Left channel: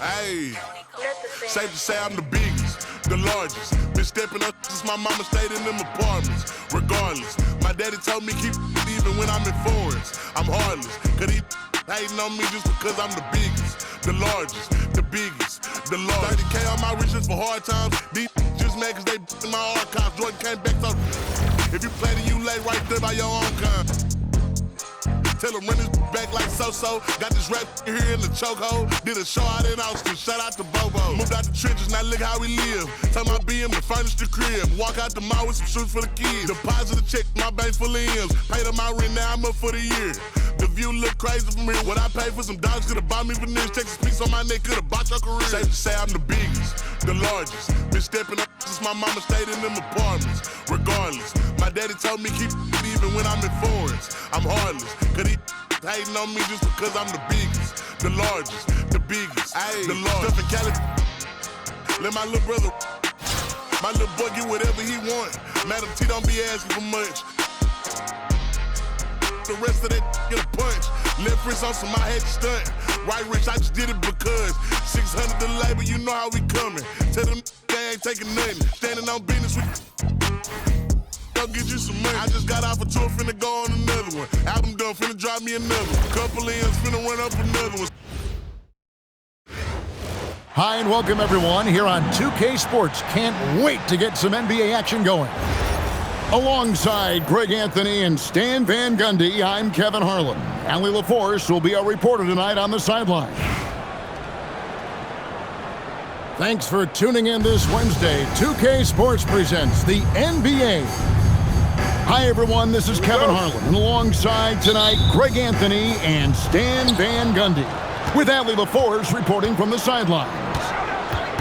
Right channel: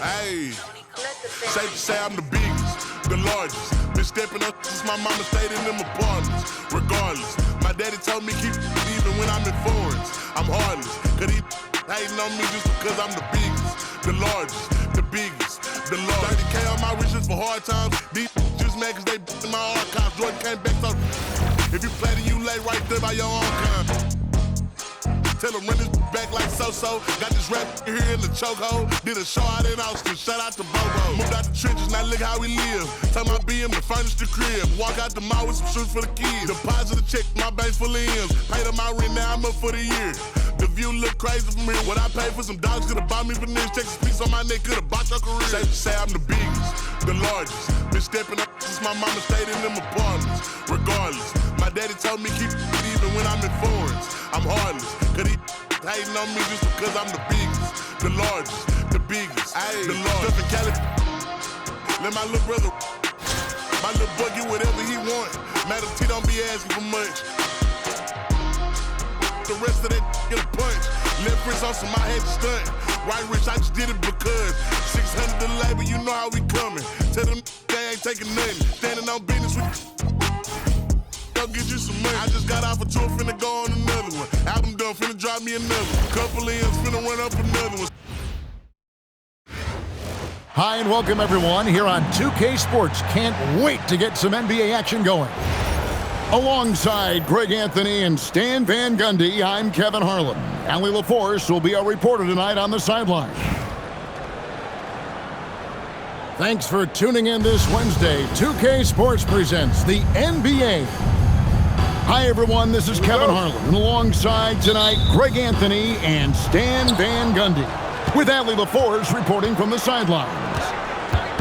Hey, safe to say I'm the biggest, the largest. Been stepping up since my mama stayed in them apartments. Regardless, my daddy told me keep even when I'm in foreigns. I'm heartless, cause he hating on me just because I'm the biggest, the largest, the biggest, the largest. 30K on my riches for hard times. These just mad cause they in my archives. Jordan came back so if you play then you lay right there by your own kind. Tell him run this back like so-so. Got this rap here in the chokehold. Did a show out in Austin, shout out to Bobo. Moved out the trenches, now look how we live. Tell my BM to furnish the crib. Walk out the mall with some shoes for the kids. Deposit a check, my bank full of M's. Paid up my rent, now I'm up for the year. The view look crazy from here. What I paid for some dogs could've bought me veneers. Texas piece on my neck could've bought your career. Safe to say I'm the biggest, the largest. Been stepping up since my mama stayed in them apartments. Regardless, my daddy told me keep it even when I'm in foreigns. I'm heartless, cause he hating on me just because I'm the biggest, the largest, the biggest, the largest. Stuff in Cali, let my little brother, my little boy get whatever he want. Madam T don't be asking for much. The rest of that get a punch. Left wrist on some I had to stunt. Right wrist, I just did it because 600 the labor, you know how we coming. Tell them they ain't taking nothing. Standing on business with go get you some money. I just got off a tour, finna go on another one. Album done, finna drop me another one. Couple ends, finna run up another one. Hi and welcome everyone here on 2K Sports. Can't wait to get some NBA action going. Alongside Greg Anthony and Stan Van Gundy, I'm Kevin Harlan. Allie LaForce will be our reporter tonight on the sideline. Thanks for tuning in this Wednesday. 2K Sports presents the NBA. Hi everyone, this is Kevin Harlan, and alongside tonight, Greg Anthony and Stan Van Gundy, with Allie LaForce reporting from the sidelines.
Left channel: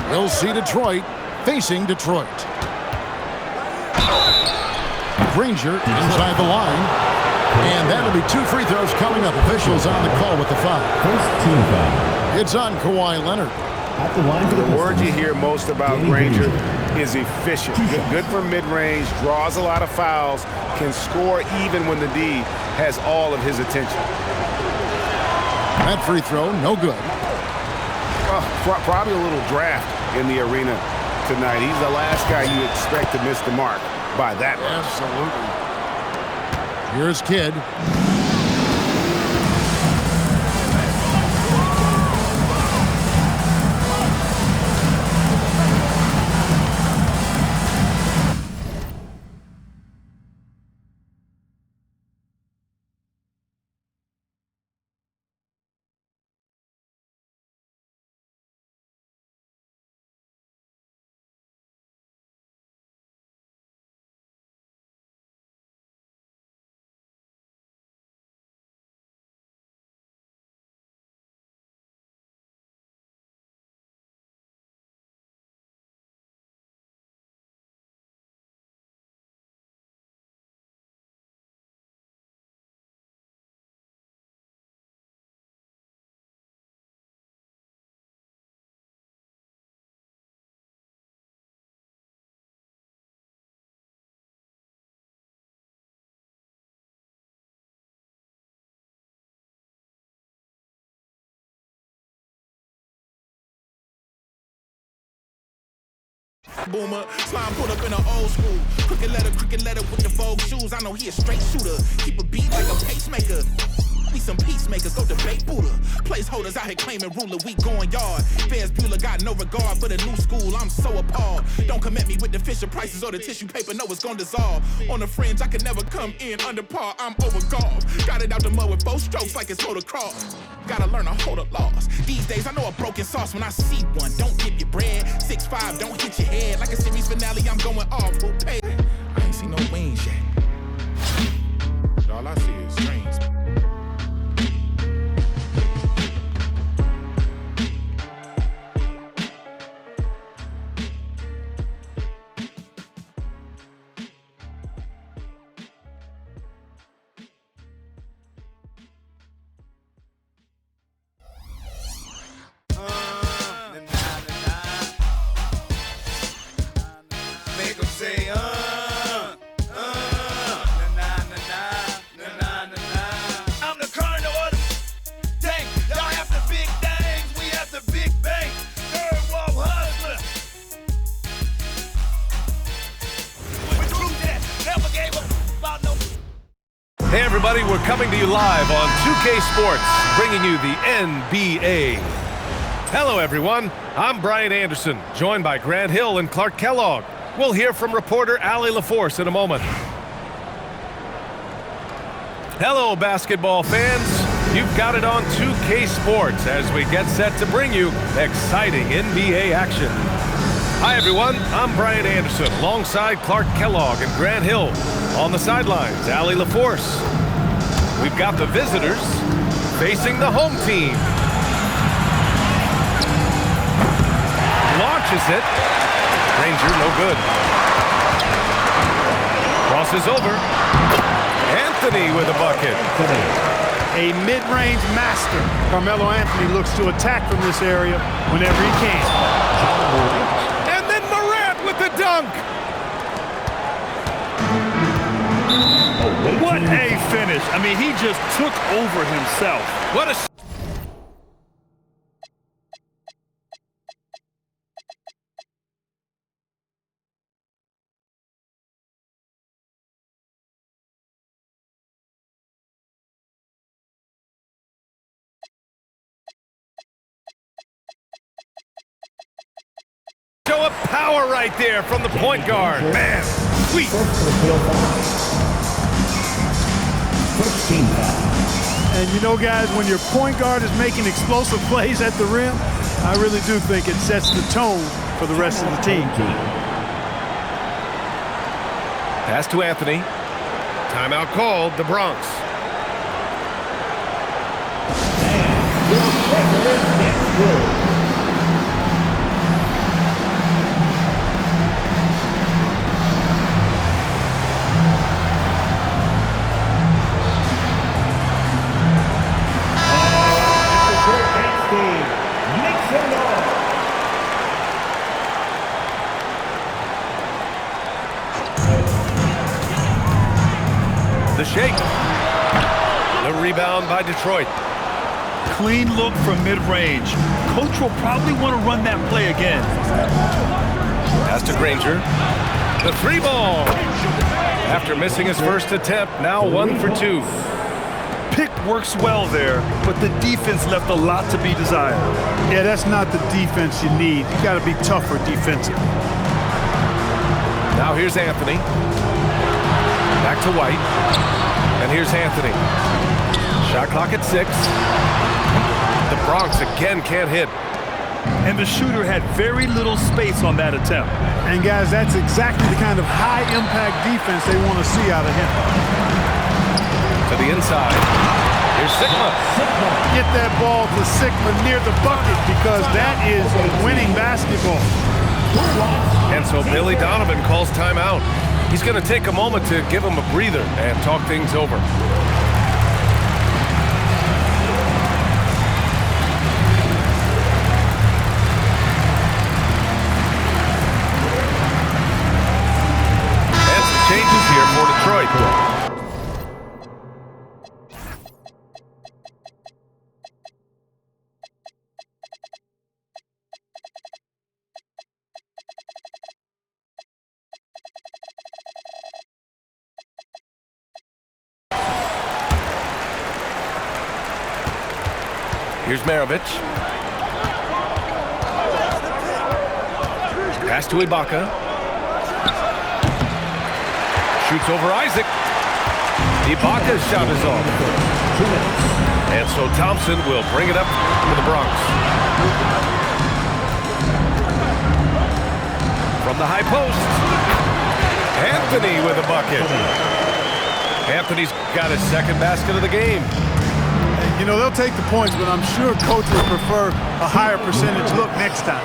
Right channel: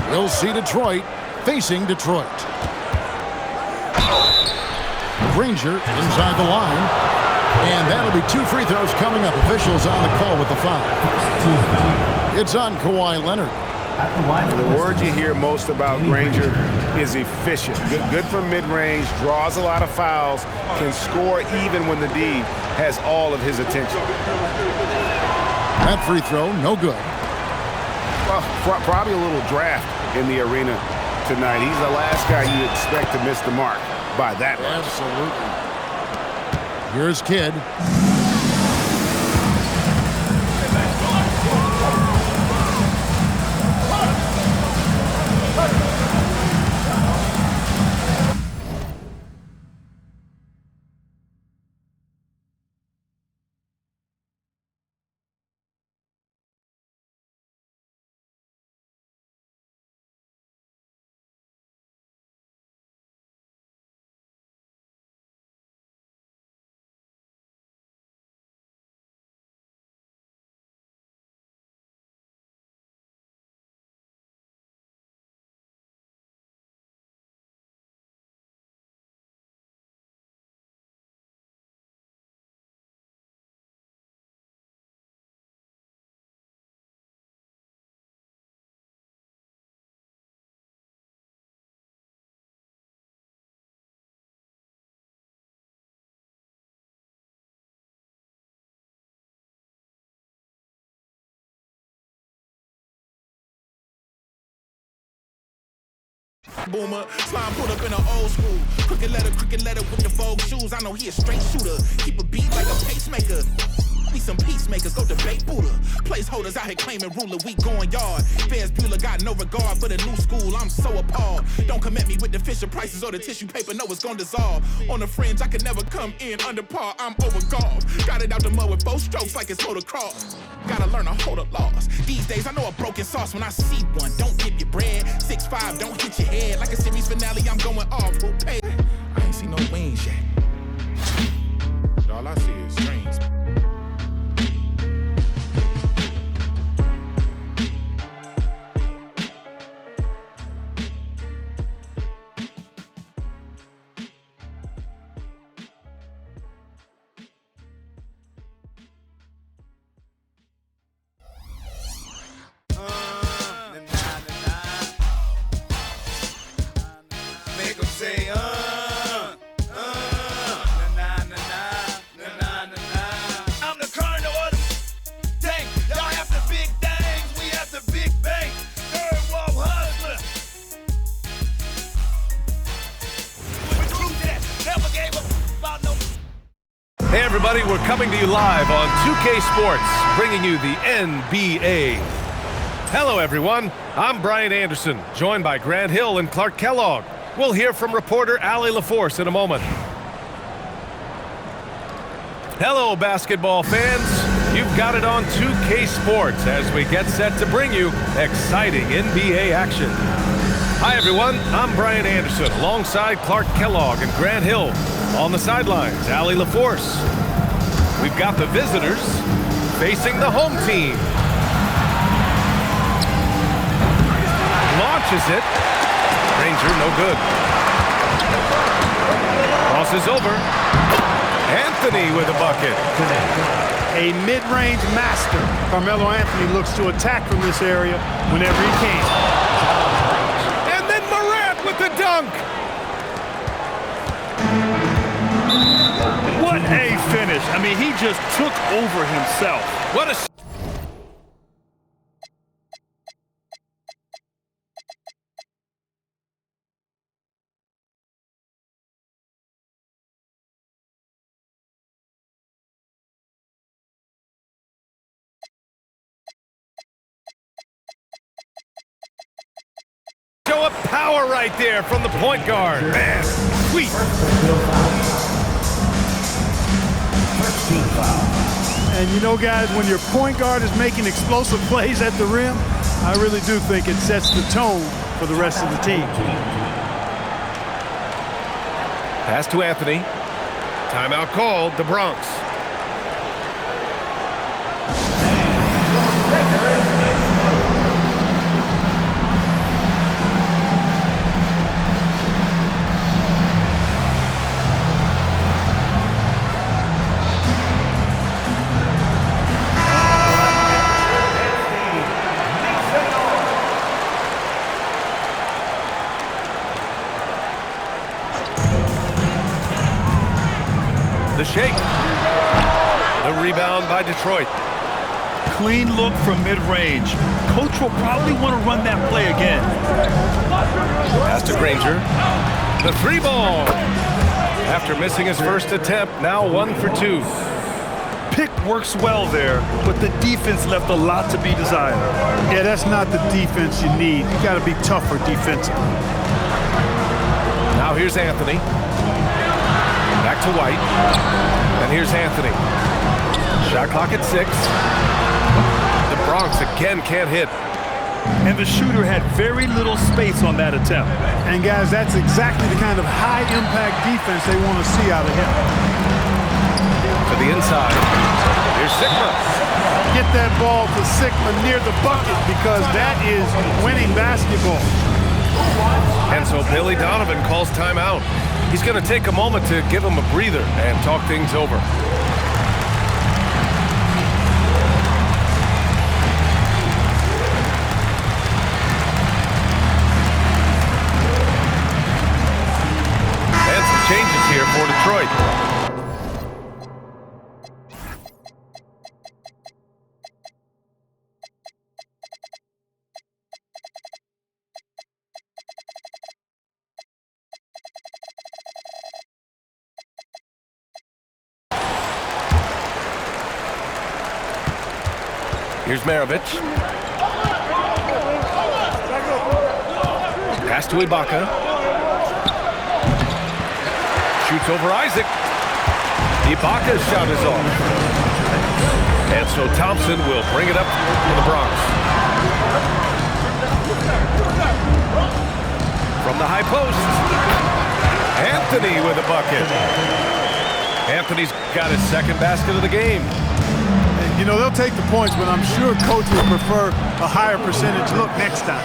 We'll see Detroit facing Detroit. Granger inside the line, and that'll be 2 free throws coming up. Officials on the call with the foul. It's on Kawhi Leonard. The word you hear most about Granger is efficient. Good from mid-range, draws a lot of fouls, can score even when the D has all of his attention. That free throw, no good. Well, probably a little draft in the arena tonight. He's the last guy you expect to miss the mark by that much. Absolutely. Here's Kidd. Boomer, slime put up in an old school. Crooked letter with the Vogue shoes. I know he a straight shooter. Keep a beat like a pacemaker. Be some peacemakers, go debate Buddha. Placeholders out here claiming ruler, we going yard. Fairs Bueller got no regard for the new school, I'm so appalled. Don't come at me with the Fisher prices or the tissue paper, no it's gonna dissolve. On the fringe, I could never come in under par, I'm over golf. Got it out the mud with 4 strokes like it's motocross. Gotta learn to hold a loss. These days I know a broken sauce when I see one. Don't dip your bread, 6'5", don't hit your head. Like a series finale, I'm going off, who paid? I ain't seen no wings yet. All I see is strings. Make 'em say, everybody. We're coming to you live on 2K Sports, bringing you the NBA. Hello, everyone. I'm Brian Anderson, joined by Grant Hill and Clark Kellogg. We'll hear from reporter Allie LaForce in a moment. Hello, basketball fans. You've got it on 2K Sports as we get set to bring you exciting NBA action. Hi, everyone. I'm Brian Anderson, alongside Clark Kellogg and Grant Hill. On the sidelines, Allie LaForce. We've got the visitors facing the home team. Launches it. Granger, no good. Crosses over. Anthony with a bucket. A mid-range master. Carmelo Anthony looks to attack from this area whenever he can. And then Morant with the dunk. What a finish. I mean, he just took over himself. What a... Show of power right there from the point guard. Man, sweet. And you know, guys, when your point guard is making explosive plays at the rim, I really do think it sets the tone for the rest of the team. Pass to Anthony. Timeout called, the Bronx. The shake. The rebound by Detroit. Clean look from mid-range. Coach will probably want to run that play again. Pass to Granger. The three ball. After missing his first attempt, now 1 for 2. Pick works well there, but the defense left a lot to be desired. Yeah, that's not the defense you need. You got to be tougher defensively. Now here's Anthony. Back to White. And here's Anthony. Shot clock at 6. The Bronx again can't hit. And the shooter had very little space on that attempt. And guys, that's exactly the kind of high-impact defense they want to see out of him. To the inside. Here's Sigma. Get that ball to Sigma near the bucket because that is winning basketball. And so Billy Donovan calls timeout. He's going to take a moment to give him a breather and talk things over. And some changes here for Detroit. Here's Maravich. Pass to Ibaka. Shoots over Isaac. Ibaka's shot is off. And so Thompson will bring it up to the Bronx. From the high post. Anthony with a bucket. Anthony's got his second basket of the game. You know, they'll take the points, but I'm sure Coach would prefer a higher percentage look next time.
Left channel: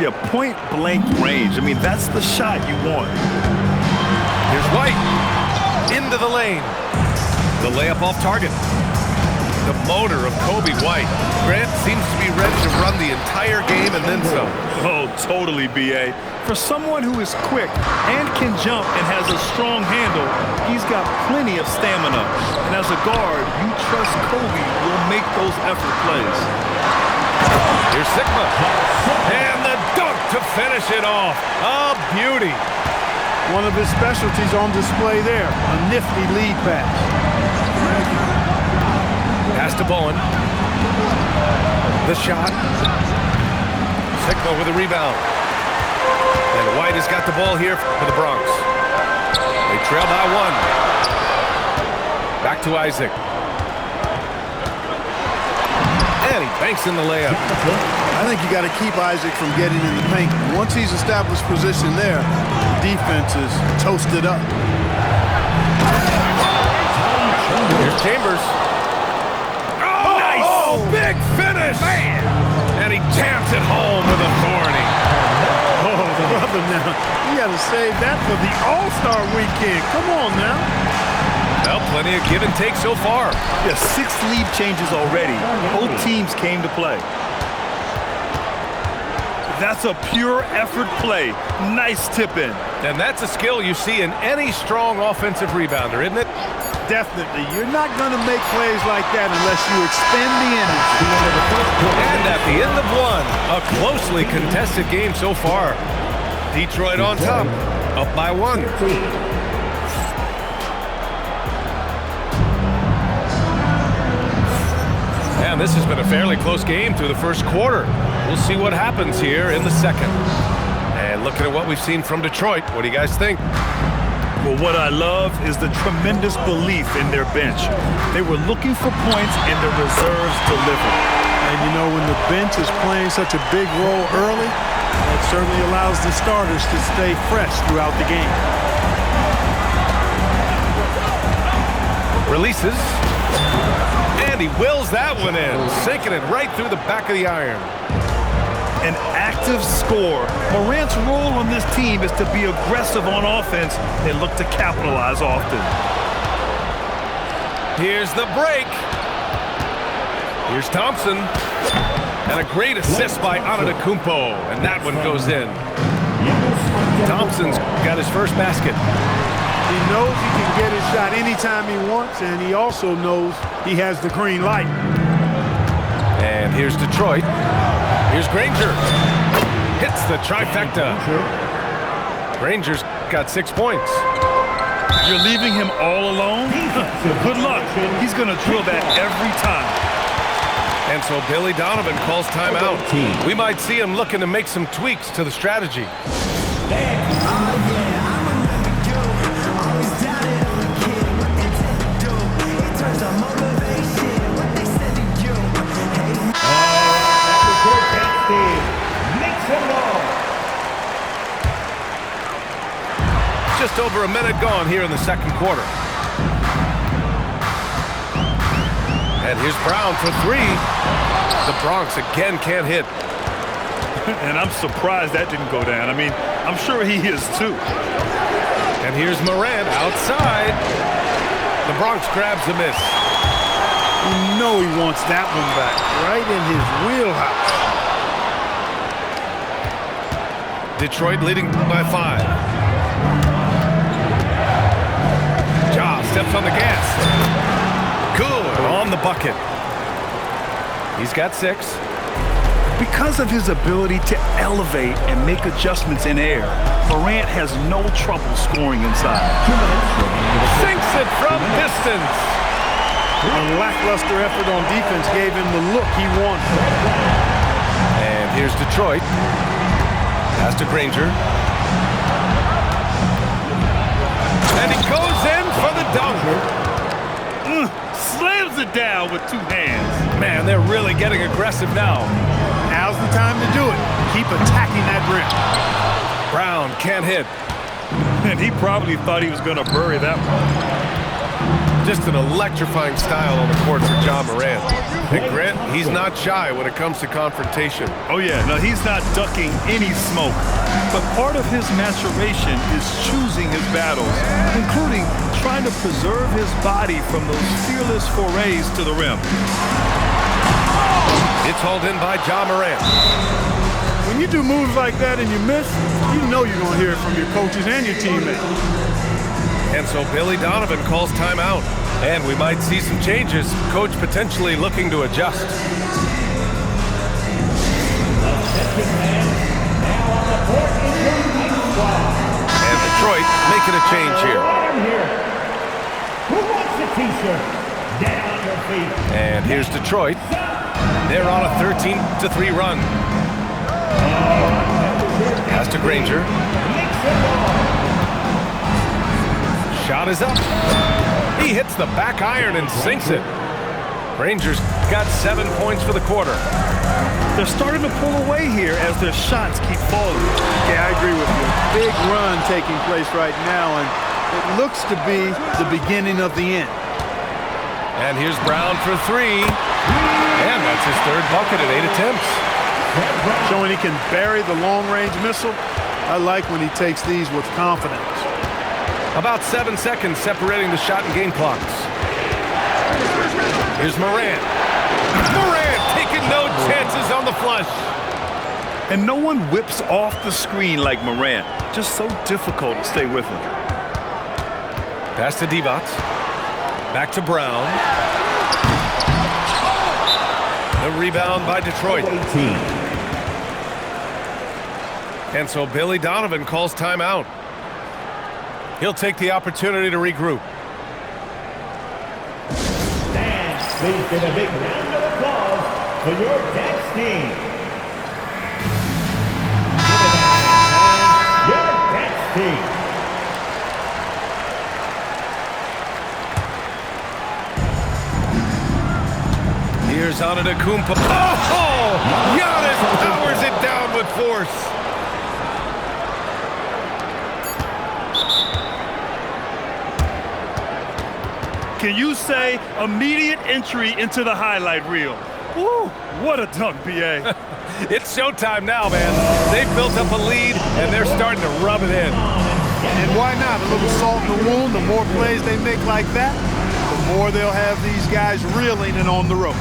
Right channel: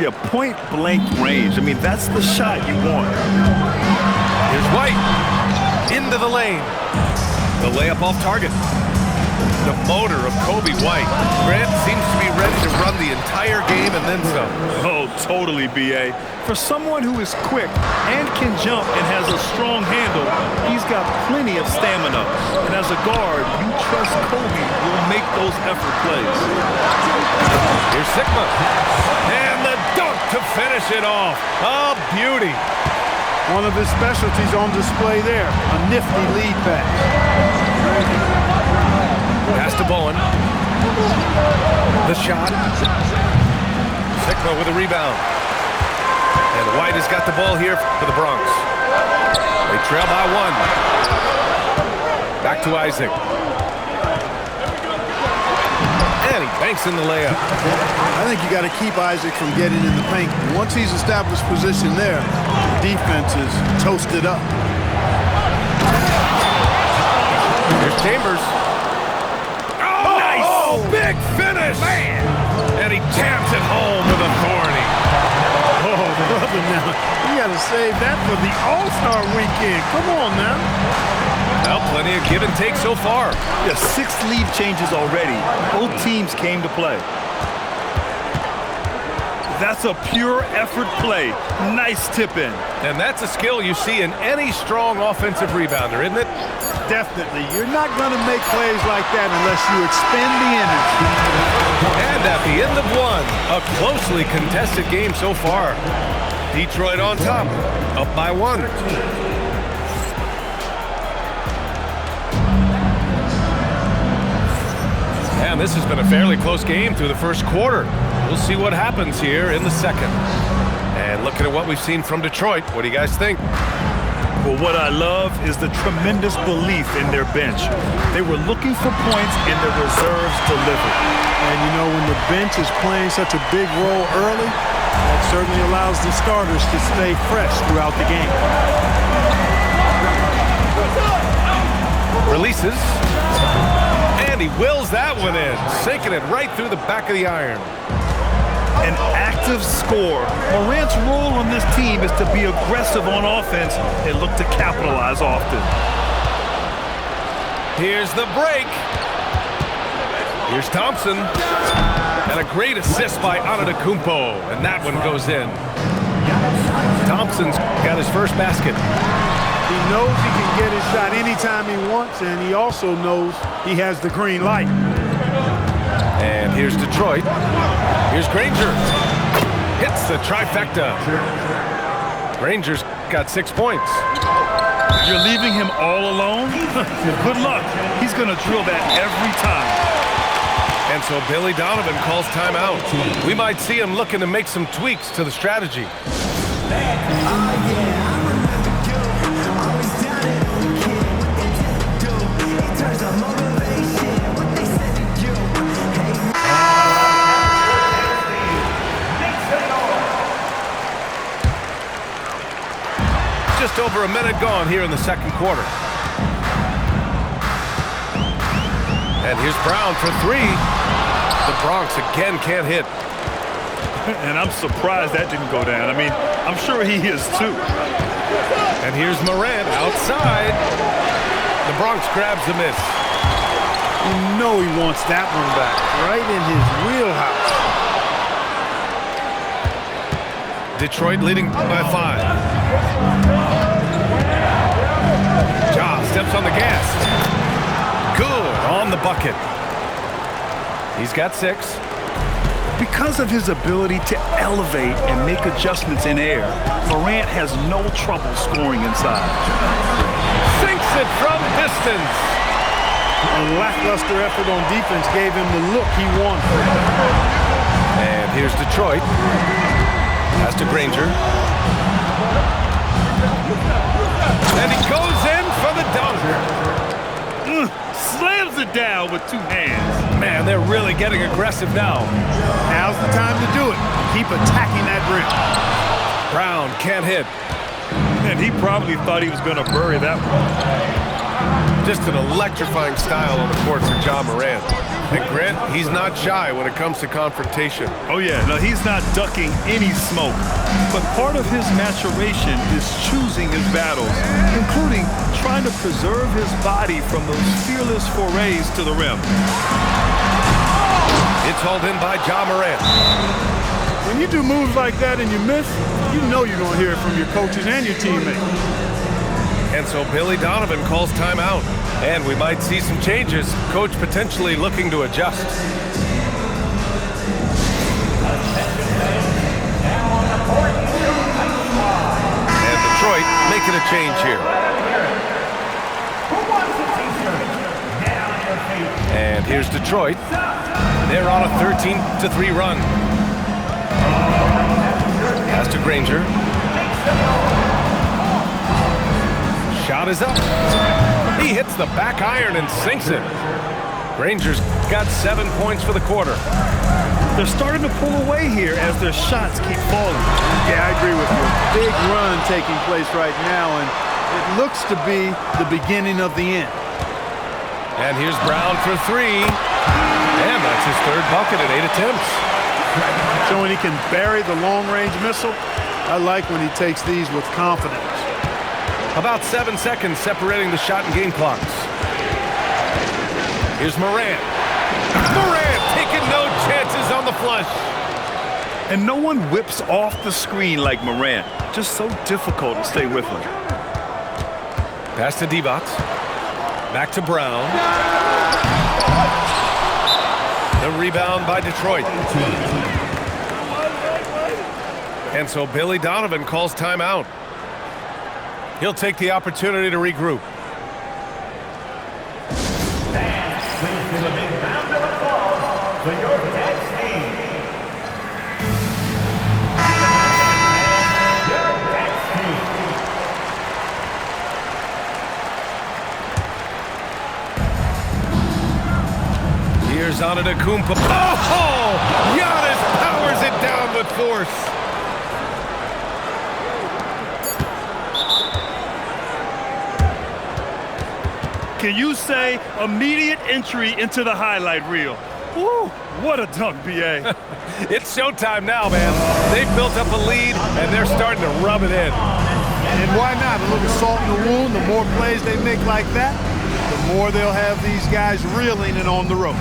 Yeah, point-blank range. I mean, that's the shot you want. Here's White. Into the lane. The layup off target. The motor of Kobe White. Grant seems to be ready to run the entire game and then some. Oh, totally, B.A. For someone who is quick and can jump and has a strong handle, he's got plenty of stamina. And as a guard, you trust Kobe will make those effort plays. Here's Sigma. And the dunk to finish it off. A beauty. One of his specialties on display there, a nifty lead pass. Pass to Bowen. The shot. Sigma with a rebound. And White has got the ball here for the Bronx. They trail by 1. Back to Isaac. And he banks in the layup. I think you got to keep Isaac from getting in the paint. Once he's established position there, the defense is toasted up. Here's Chambers. Oh, nice! Oh, big finish! Man! And he jams it home with authority. Oh, brother, now, you got to save that for the All-Star weekend. Come on now. Well, plenty of give and take so far. Yeah, 6 lead changes already. Both teams came to play. That's a pure effort play. Nice tip in. And that's a skill you see in any strong offensive rebounder, isn't it? Definitely. You're not going to make plays like that unless you expend the energy. And at the end of 1, a closely contested game so far. Detroit on top, up by 1. And this has been a fairly close game through the first quarter. We'll see what happens here in the second. And looking at what we've seen from Detroit, what do you guys think? Well, what I love is the tremendous belief in their bench. They were looking for points and their reserves delivered. And you know, when the bench is playing such a big role early, that certainly allows the starters to stay fresh throughout the game. Releases. And he wills that one in, sinking it right through the back of the iron. An active scorer. Morant's role on this team is to be aggressive on offense and look to capitalize often. Here's the break. Here's Thompson. And a great assist by Antetokounmpo, and that one goes in. Thompson's got his first basket. He knows he can get his shot anytime he wants, and he also knows he has the green light. And here's Detroit. Here's Granger. Hits the trifecta. Granger's got 6 points. You're leaving him all alone? Good luck. He's going to drill that every time. And so Billy Donovan calls timeout. We might see him looking to make some tweaks to the strategy. Just over a minute gone here in the second quarter. And here's Brown for 3. The Bronx again can't hit. And I'm surprised that didn't go down. I mean, I'm sure he is too. And here's Morant outside. The Bronx grabs a miss. You know he wants that one back, right in his wheelhouse. Detroit leading by 5. Ja steps on the gas. Good on the bucket. He's got 6. Because of his ability to elevate and make adjustments in air, Morant has no trouble scoring inside. Sinks it from distance. A lackluster effort on defense gave him the look he wanted. And here's Detroit. Pass to Granger. And he goes in for the dunk. Slams it down with 2 hands. Man, they're really getting aggressive now. Now's the time to do it. Keep attacking that rim. Brown can't hit. And he probably thought he was going to bury that one. Just an electrifying style on the court for Ja Morant. And Grant, he's not shy when it comes to confrontation. Oh yeah, no, he's not ducking any smoke. But part of his maturation is choosing his battles, including trying to preserve his body from those fearless forays to the rim. It's hauled in by Ja Morant. When you do moves like that and you miss, you know you're going to hear it from your coaches and your teammates. And so Billy Donovan calls timeout. And we might see some changes. Coach potentially looking to adjust. And Detroit making a change here. Who wants a t-shirt? Down And here's Detroit. They're on a 13-3 run. Pass to Granger. Shot is up. He hits the back iron and sinks it. Granger's got 7 points for the quarter. They're starting to pull away here as their shots keep falling. Yeah, I agree with you. A big run taking place right now, and it looks to be the beginning of the end. And here's Brown for three. And that's his third bucket at 8 attempts. Showing he can bury the long-range missile. I like when he takes these with confidence. About 7 seconds separating the shot and game clocks. Here's Morant. Morant taking no chances on the flush. And no one whips off the screen like Morant. Just so difficult to stay with him. Pass to Divac. Back to Brown. The rebound by Detroit. And so Billy Donovan calls timeout. He'll take the opportunity to regroup. Please give a big round of applause to your Tex team. Give it up, fans. Your Tex team. Here's Antetokounmpo. Oh! Giannis powers it down with force. Can you say immediate entry into the highlight reel? Woo, what a dunk, B.A. It's showtime now, man. They've built up a lead, and they're starting to rub it in. And why not? A little salt in the wound. The more plays they make like that, the more they'll have these guys reeling and on the ropes.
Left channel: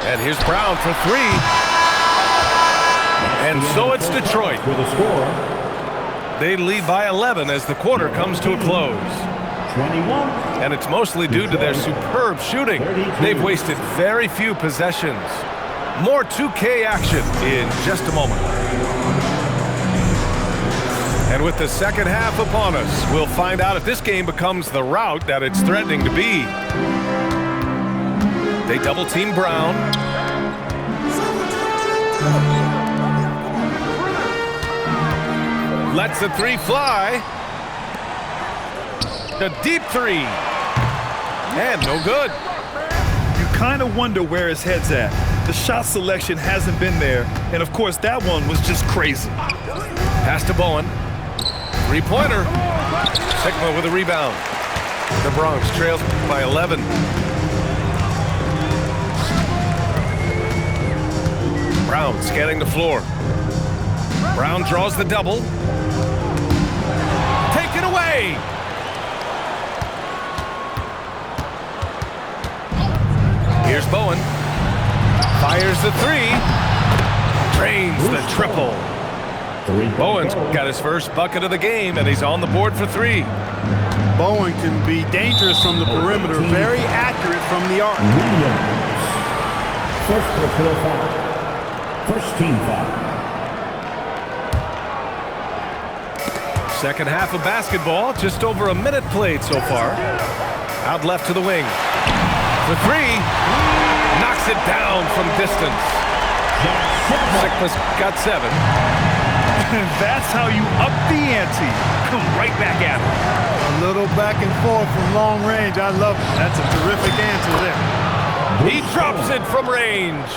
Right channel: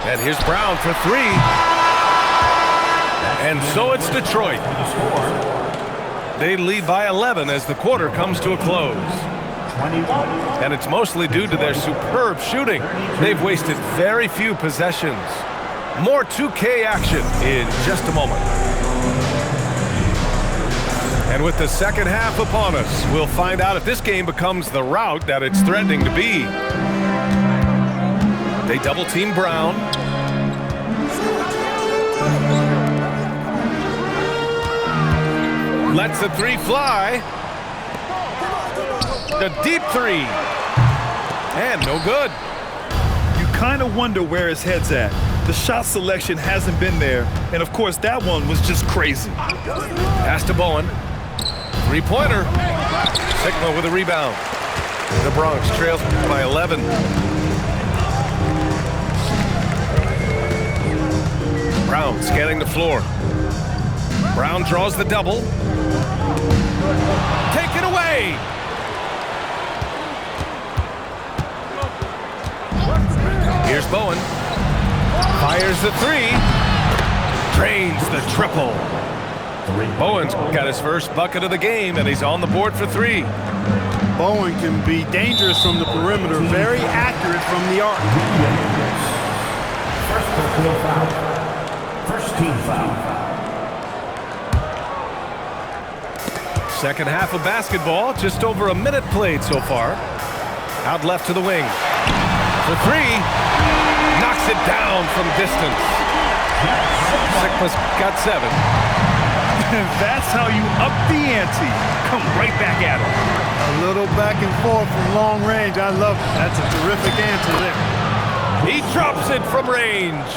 And here's Brown for three. And so it's Detroit. They lead by 11 as the quarter comes to a close. And it's mostly due to their superb shooting. They've wasted very few possessions. More 2K action in just a moment. And with the second half upon us, we'll find out if this game becomes the rout that it's threatening to be. They double-team Brown. Lets the three fly. The deep three. And no good. You kind of wonder where his head's at. The shot selection hasn't been there. And, of course, that one was just crazy. Pass to Bowen. Three-pointer. Sigma with a rebound. The Bronx trails by 11. Brown scanning the floor. Brown draws the double. Take it away. Here's Bowen. Fires the three. Drains the triple. Bowen's got his first bucket of the game, and he's on the board for three. Bowen can be dangerous from the perimeter, very accurate from the arc. First personal foul. First team foul. Second half of basketball, just over a minute played so far. Out left to the wing. For three. Knocks it down from distance. Sigma's got 7. And that's how you up the ante. Come right back at him. A little back and forth from long range. I love it. That's a terrific answer there. He drops it from range.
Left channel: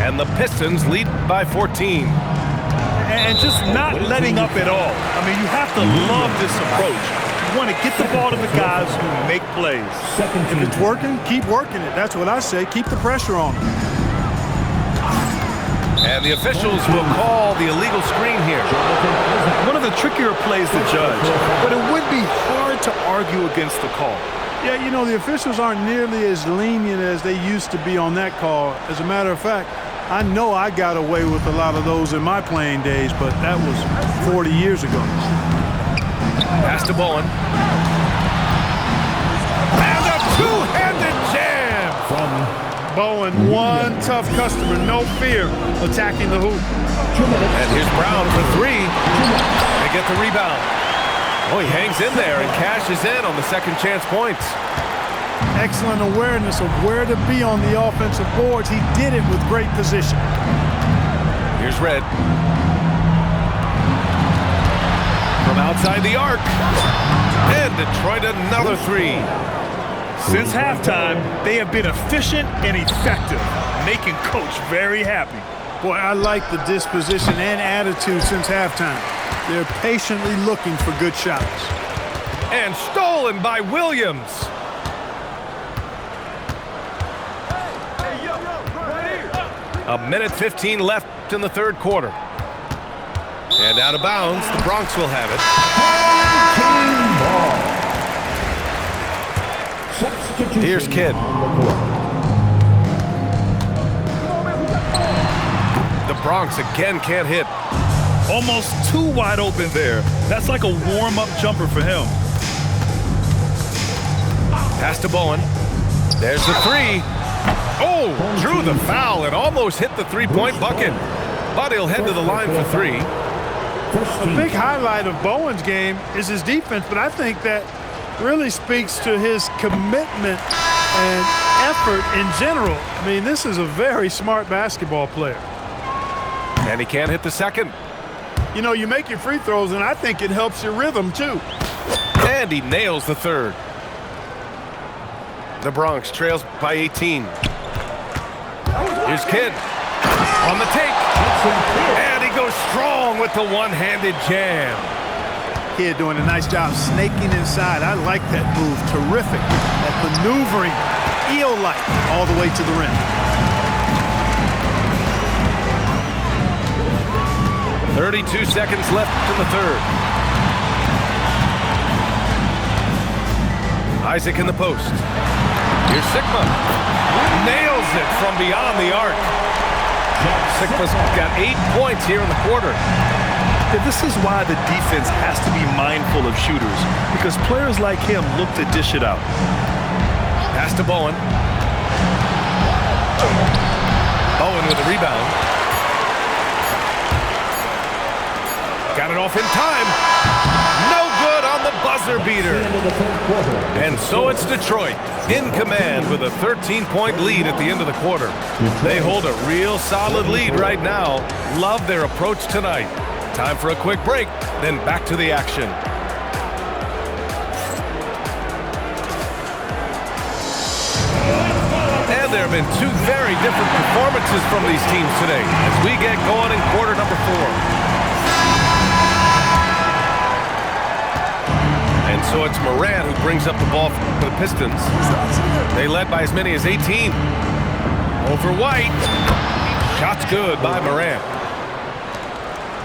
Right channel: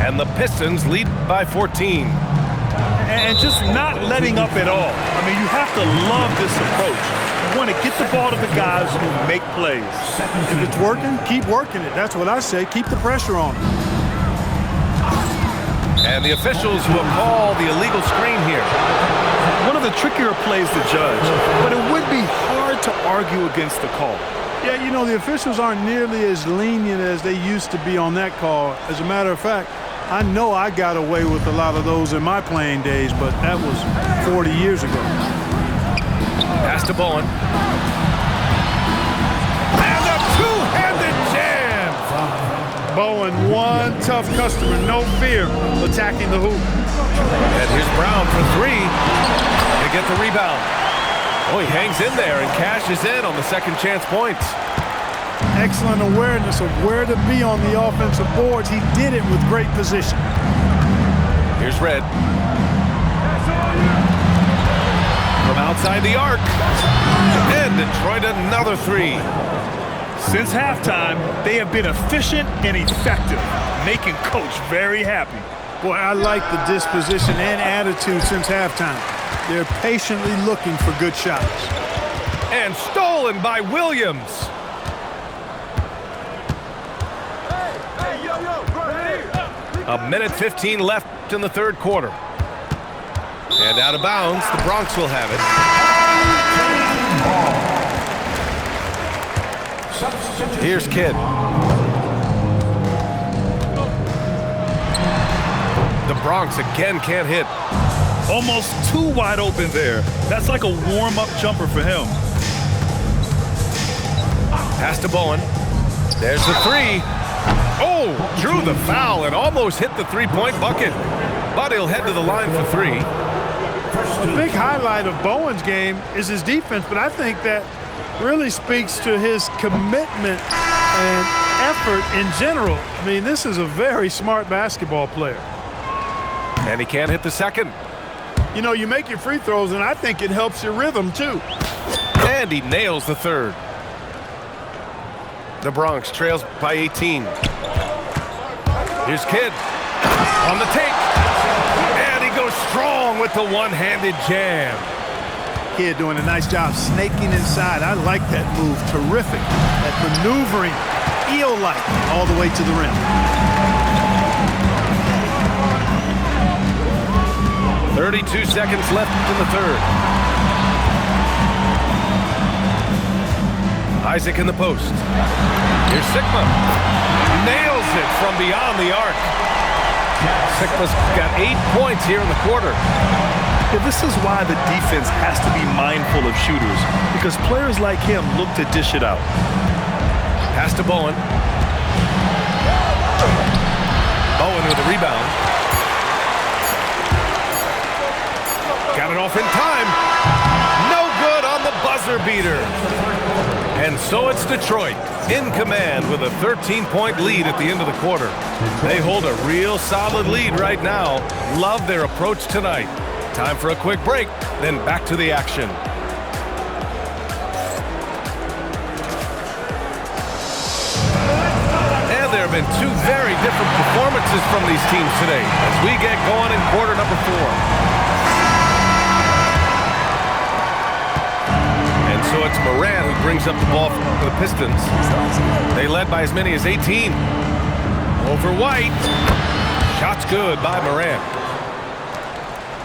And the Pistons lead by 14. And just not letting up at all. I mean, you have to love this approach. You want to get the ball to the guys who make plays. If it's working, keep working it. That's what I say. Keep the pressure on them. And the officials will call the illegal screen here. One of the trickier plays to judge, but it would be hard to argue against the call. Yeah, you know, the officials aren't nearly as lenient as they used to be on that call. As a matter of fact, I know I got away with a lot of those in my playing days, but that was 40 years ago. Pass to Bowen. Bowen, one tough customer, no fear, attacking the hoop. And here's Brown for three. They get the rebound. Oh, he hangs in there and cashes in on the second chance points. Excellent awareness of where to be on the offensive boards. He did it with great position. Here's Red. From outside the arc. And Detroit another three. Since halftime, they have been efficient and effective, making Coach very happy. Boy, I like the disposition and attitude since halftime. They're patiently looking for good shots. And stolen by Williams. A minute 15 left in the third quarter. And out of bounds, the Bronx will have it. Here's Kidd. The Bronx again can't hit. Almost too wide open there. That's like a warm-up jumper for him. Pass to Bowen. There's the three. Oh, drew the foul and almost hit the three-point bucket. But he'll head to the line for three. A big highlight of Bowen's game is his defense, but I think that really speaks to his commitment and effort in general. I mean, this is a very smart basketball player. And he can't hit the second. You know, you make your free throws, and I think it helps your rhythm, too. And he nails the third. The Bronx trails by 18. Here's Kidd on the take. And he goes strong with the one-handed jam. Kidd doing a nice job snaking inside. I like that move. Terrific. That maneuvering, eel-like, all the way to the rim. 32 seconds left in the third. Isaac in the post. Here's Sikma. Nails it from beyond the arc. Sikma's got 8 points here in the quarter. Yeah, this is why the defense has to be mindful of shooters, because players like him look to dish it out. Pass to Bowen. Bowen with a rebound. Got it off in time. No good on the buzzer beater. And so it's Detroit in command with a 13-point lead at the end of the quarter. They hold a real solid lead right now. Love their approach tonight. Time for a quick break, then back to the action. And there have been two very different performances from these teams today as we get going in quarter number 4. And so it's Morant who brings up the ball for the Pistons. They led by as many as 18. Over White. Shot's good by Morant.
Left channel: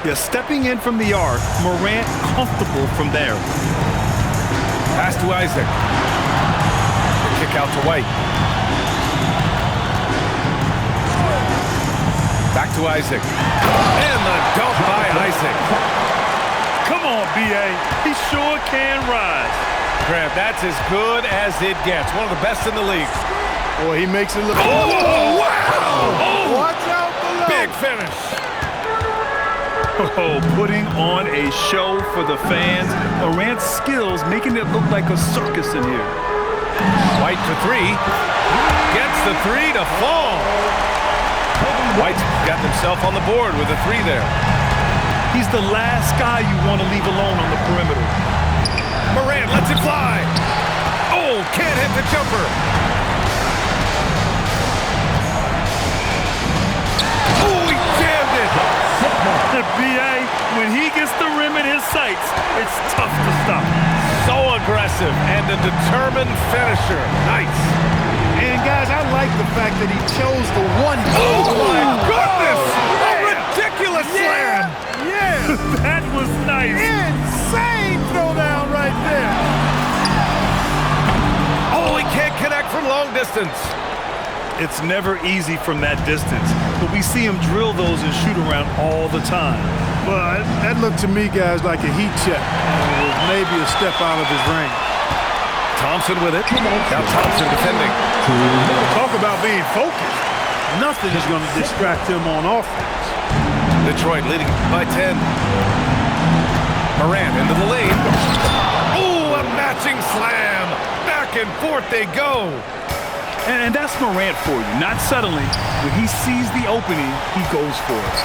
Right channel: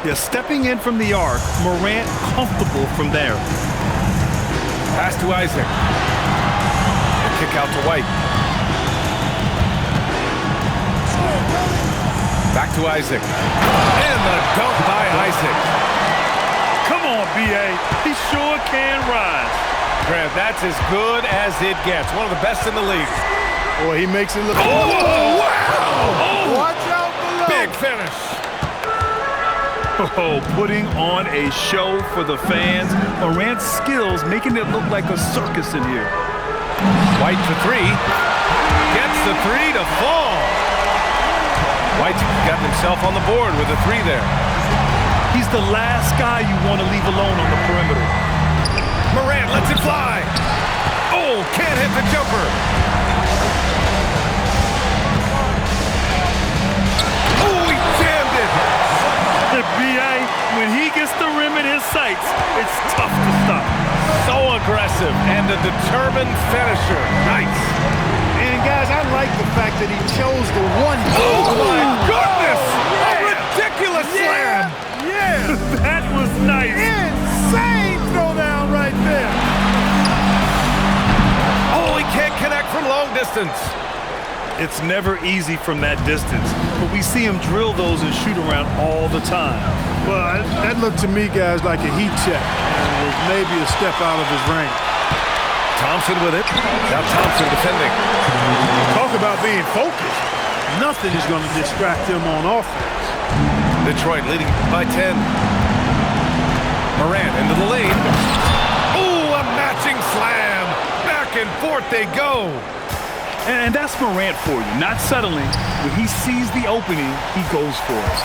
Yeah, stepping in from the arc, Morant comfortable from there. Pass to Isaac. The kick out to White. Back to Isaac. And the dunk by Isaac. Come on, B.A. He sure can rise. Grant, that's as good as it gets. One of the best in the league. Boy, he makes it look... Oh, wow! Oh, watch out below! Big finish. Oh, putting on a show for the fans. Morant's skills making it look like a circus in here. White for three. Gets the three to fall. White's gotten himself on the board with a three there. He's the last guy you want to leave alone on the perimeter. Morant lets it fly. Oh, can't hit the jumper. Oh, he jammed it. B.A., when he gets the rim in his sights, it's tough to stop. So aggressive and a determined finisher. Nice. And, guys, I like the fact that he chose the one. Oh, my goodness. A ridiculous slam. Yeah. That was nice. Insane throwdown right there. Oh, he can't connect from long distance. It's never easy from that distance, but we see him drill those and shoot around all the time. Well, that looked to me, guys, like a heat check, and it was maybe a step out of his range. Thompson with it. Now Thompson defending. Talk about being focused. Nothing is going to distract him on offense. Detroit leading by 10. Morant into the lane. Ooh, a matching slam. Back and forth they go. And that's Morant for you, not settling. When he sees the opening, he goes for it.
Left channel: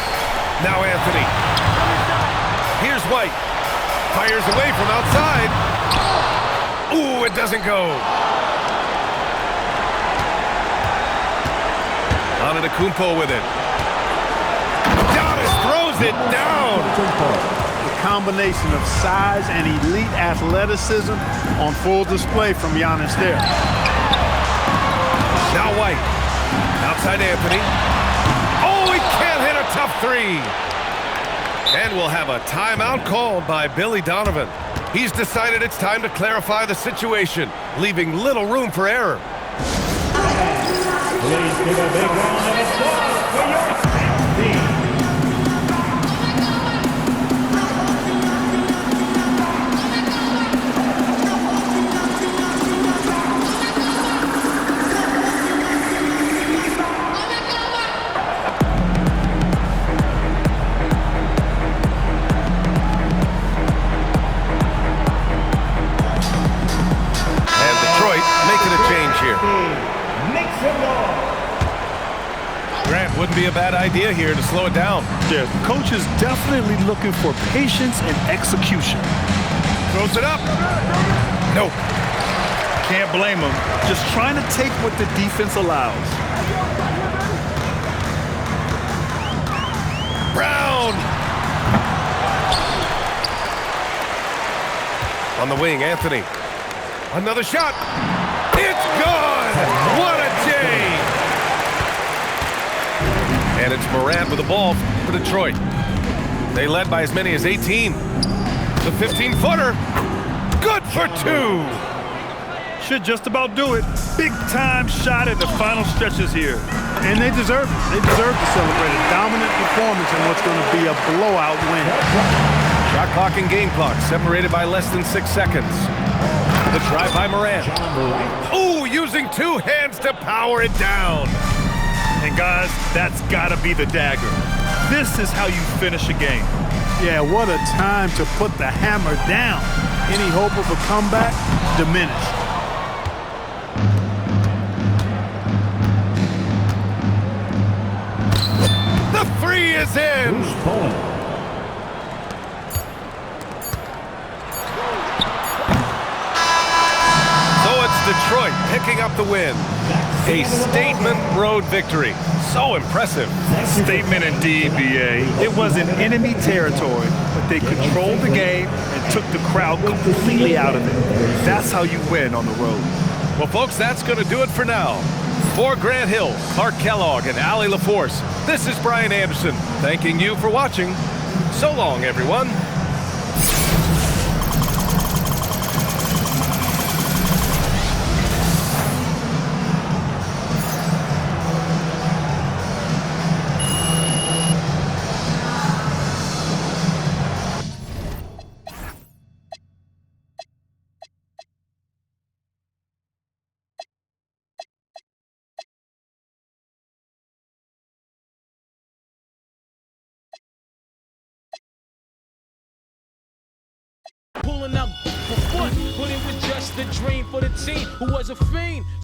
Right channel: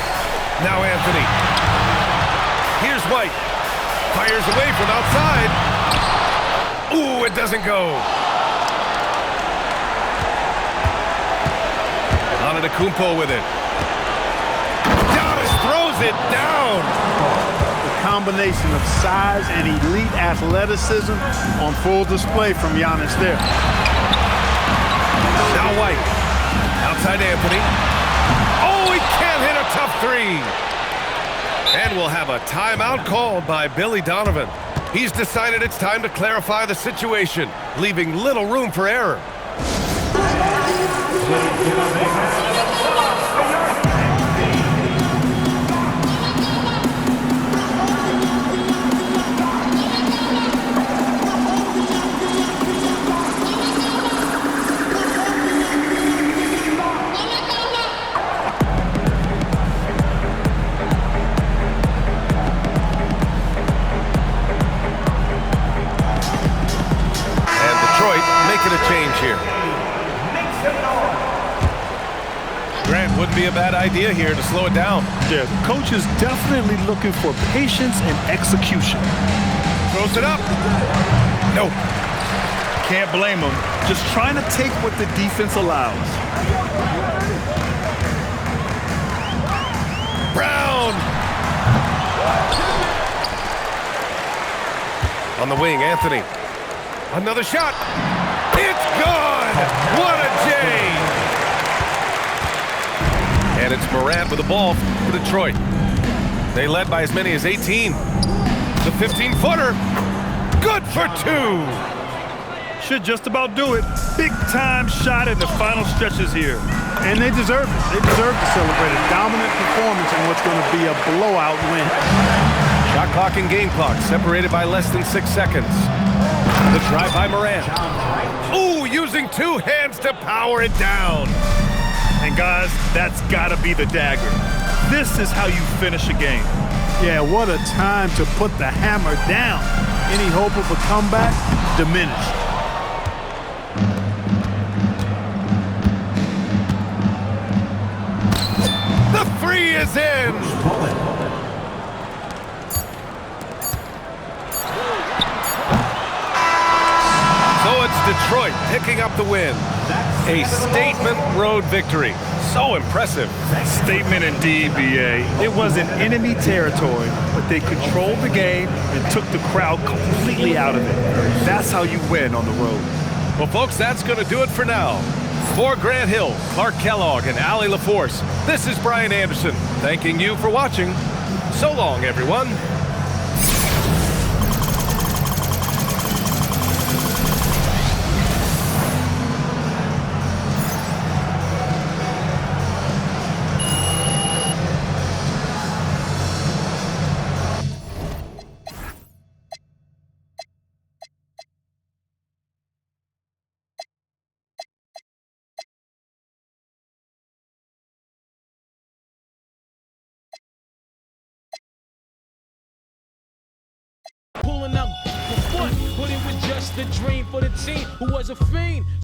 Now Anthony. Here's White. Fires away from outside. Ooh, it doesn't go. Antetokounmpo with it. Giannis throws it down. The combination of size and elite athleticism on full display from Giannis there. Now White. Outside Anthony. Oh, he can't hit a tough three. And we'll have a timeout called by Billy Donovan. He's decided it's time to clarify the situation, leaving little room for error. Please give a big round of applause for your team. And Detroit making a change here. Grant, wouldn't be a bad idea here to slow it down. Yeah, coach is definitely looking for patience and execution. Throws it up. Nope. Can't blame him. Just trying to take what the defense allows. Brown. On the wing, Anthony. Another shot. It's gone. What a J. And it's Morant with the ball for Detroit. They led by as many as 18. The 15-footer. Good for two. Should just about do it. Big-time shot in the final stretches here. And they deserve it. They deserve to celebrate a dominant performance in what's going to be a blowout win. Shot clock and game clock separated by less than 6 seconds. The drive by Morant. Ooh, using two hands to power it down. And guys, that's got to be the dagger. This is how you finish a game. Yeah, what a time to put the hammer down. Any hope of a comeback diminished. The three is in. So it's Detroit picking up the win. A statement road victory. So impressive. Statement indeed, B.A. It was in enemy territory, but they controlled the game and took the crowd completely out of it. That's how you win on the road. Well, folks, that's going to do it for now. For Grant Hill, Clark Kellogg, and Allie LaForce, this is Brian Anderson, thanking you for watching. So long, everyone. Pulling up for foot, but it was just a dream for the team who was a fiend.